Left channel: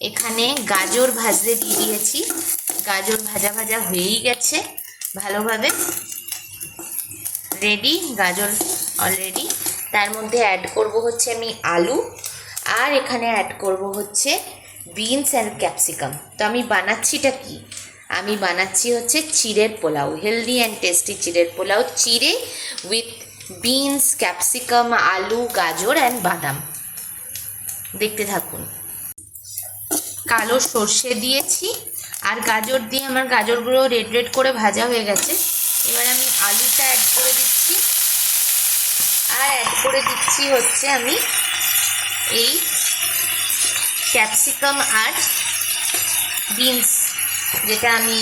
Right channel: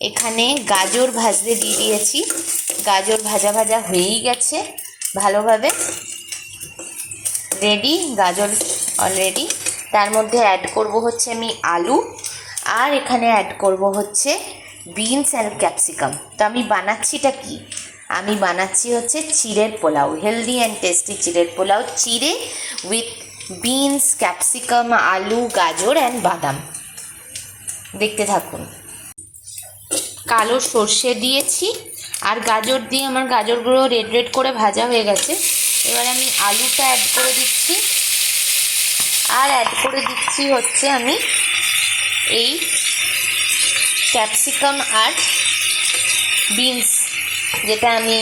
এখানে গাজর ভাজতে দিয়ে দিয়েছি। গাজর ভাজা ভাজা হয়েই গেছে ভালোভাবে, রেডি গাজর অলরেডি। তার মধ্যে অ্যাড করব হচ্ছে আমি আলু, আর এখানে অ্যাড করব হচ্ছে বিনস আর ক্যাপসিকাম। তো আমি বানাচ্ছিটা কি, আমি বানাচ্ছি হচ্ছে চিড়ের পোলাও, হেলদি অ্যান্ড টেস্টি চিড়ের পোলাও, চিড়ে উইথ বিনস, ক্যাপসিকাম, আলু, গাজর অ্যান্ড বাদাম। দেখতে থাকুন। কালো সর্ষে দিয়েছি আর গাজর দিয়ে আমার গাজরগুলো রেড রেড করে ভাজা হয়ে গেছে। এবার আমি আলুটা অ্যাড করে দিচ্ছি, আর অ্যাড করে দিচ্ছি হচ্ছে আমি এই ক্যাপসিকাম আর বিনস, যেটা আমি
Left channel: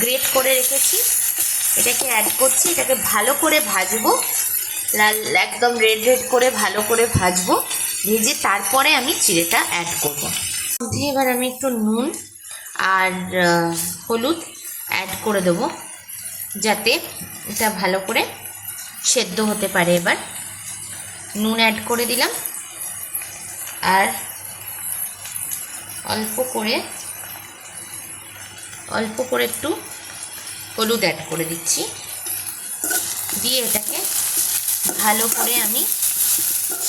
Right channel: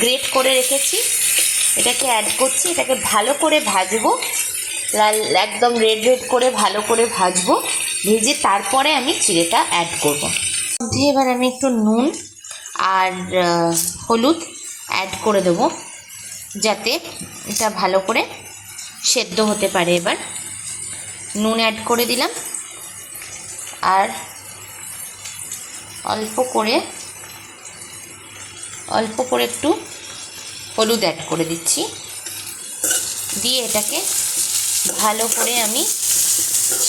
গ্রেট করে রেখেছি, এটাকে অ্যাড করছি। এটাকে ভালো করে ভাজবো, লাল একদম রেড রেড করে ভালো করে ভাজবো। ভেজে তারপরে আমি চিড়েটা অ্যাড করব। এবার আমি একটু নুন আর হলুদ অ্যাড করে দেবো, যাতে এটা ভালো করে সেদ্ধ হতে পারে। এবার নুন অ্যাড করে দিলাম, আর অল্প করে একটু হলুদ অ্যাড করে দিচ্ছি, দিয়ে এটাকে ভালো করে আমি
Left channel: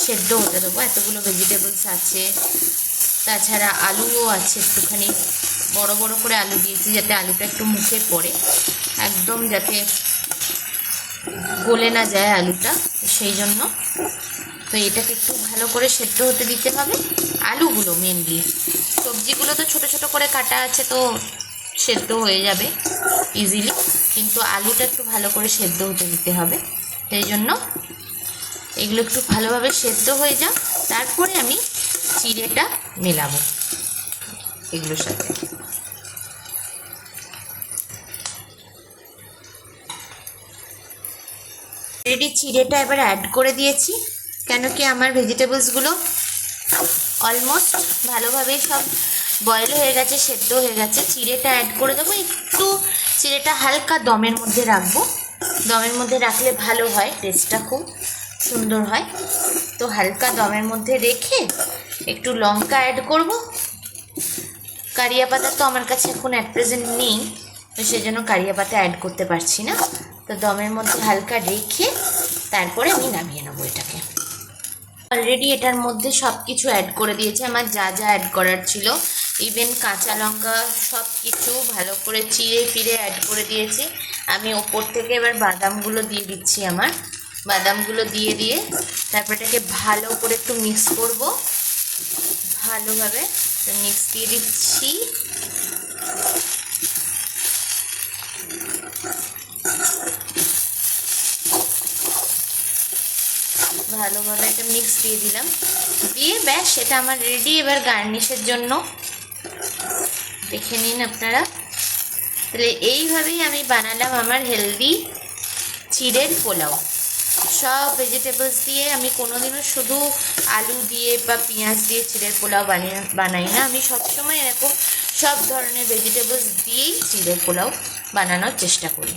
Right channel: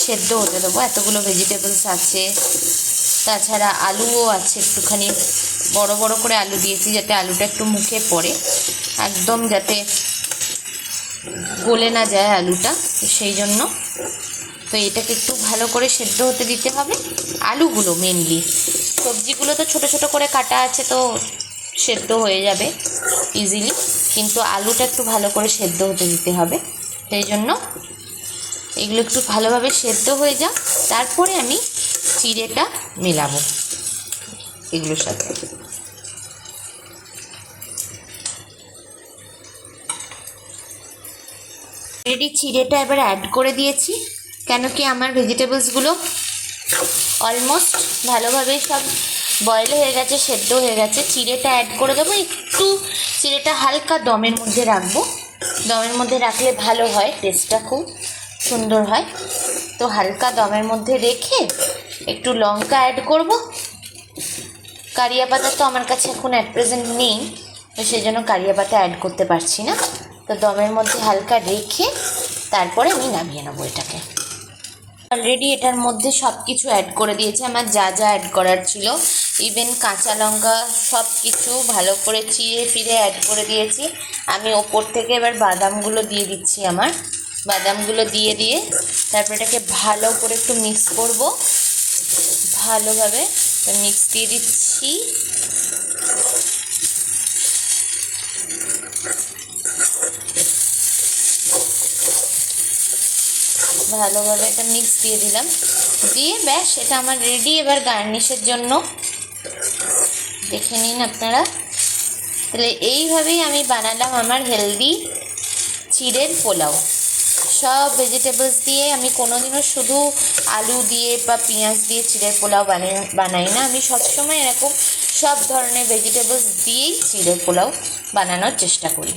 সেদ্ধ হতে দেবো। এতগুলো ভেজিটেবলস আছে, তাছাড়া আলুও আছে, একটুখানি বড় বড় করে আলু দিয়েছি যাতে আলুটা একটু মুখে পড়ে, একদম যাতে গলে না যায় আলুটা, সেই জন্য। তো এটাকে একটু ভালো করে সেদ্ধ হতে দিতে হবে, আলুগুলো মেনলি। সবজিগুলো তো ছোট ছোট করে কাটা আছে, তো সেদ্ধ হয়ে যাবে ইজিলি, কিন্তু আলুটা একটু ভালো করে সেদ্ধ হতে দিতে হবে। সেই জন্য এগুলো একটু ভালোভাবে সেদ্ধ হয়ে যাক, তারপরে আমি চিড়েটা মেলাবো এগুলোর সাথে। রেডি চিড়েটা এবার অ্যাড করে দিয়েছি, কেন কি আমার ভেজিটেবলসগুলো অলমোস্ট ভালোভাবে সব বয়েল হয়ে গেছে, সেদ্ধ হয়ে গেছে। চিড়েটা অ্যাড করে দেবো, একটু চিড়েটা হালকা দমের মধ্যে রাখবো, দমের মধ্যে রাখলে ভালো হয়, টেস্টটা খুব সুন্দর হয়। তো হালকা দমের মধ্যে রেখে একটু লঙ্কা অ্যাড করব। কারিয়া পাতা তো আমার কাছে এখন অ্যাট প্রেজেন্ট নেই, তো সেই জন্য কারিয়া পাতা অ্যাড করতে পারছি না। তো দমের মধ্যে হালকা রেখে তারপরে আমি নামিয়ে নেবো এটাকে। অলরেডি এটার মধ্যে সব কিছু অ্যাড করে দিয়েছি, আমার যা যা অ্যাড করার ছিল, ইভেন কাঁচা লঙ্কা সব কিছু ভালো করে চিড়ে ফিরে অ্যাড করে দিয়েছি। আমি ওপর থেকে এবার বাদামগুলো দিয়ে দিচ্ছি, আমার বাদামগুলো দিয়ে তারপর এটাকে ভালো করে একটু মিক্স করব, ভালোভাবে মিক্স দিয়ে দিচ্ছি। ভালোভাবে এটা মিক্স দিয়ে দিলাম, দিয়ে ব্যাস এটা আমার রেডি। এবার গার্নিশের জন্য দেখে নিন আপনারা। তাহলে এইভাবেই আমি বানালাম আমার হেলদি চিড়ের পোলাও। সব ভেজিটেবলস দিয়ে, আমি কোনোদিনও শুধু আলু দিয়ে বা পেঁয়াজ দিয়ে চিড়ের পোলাও বানাই না, আমি সবসময় এরকম সব ধরনের ভেজিটেবলস দিয়েই চিড়ের পোলাও বানানোর চেষ্টা করি।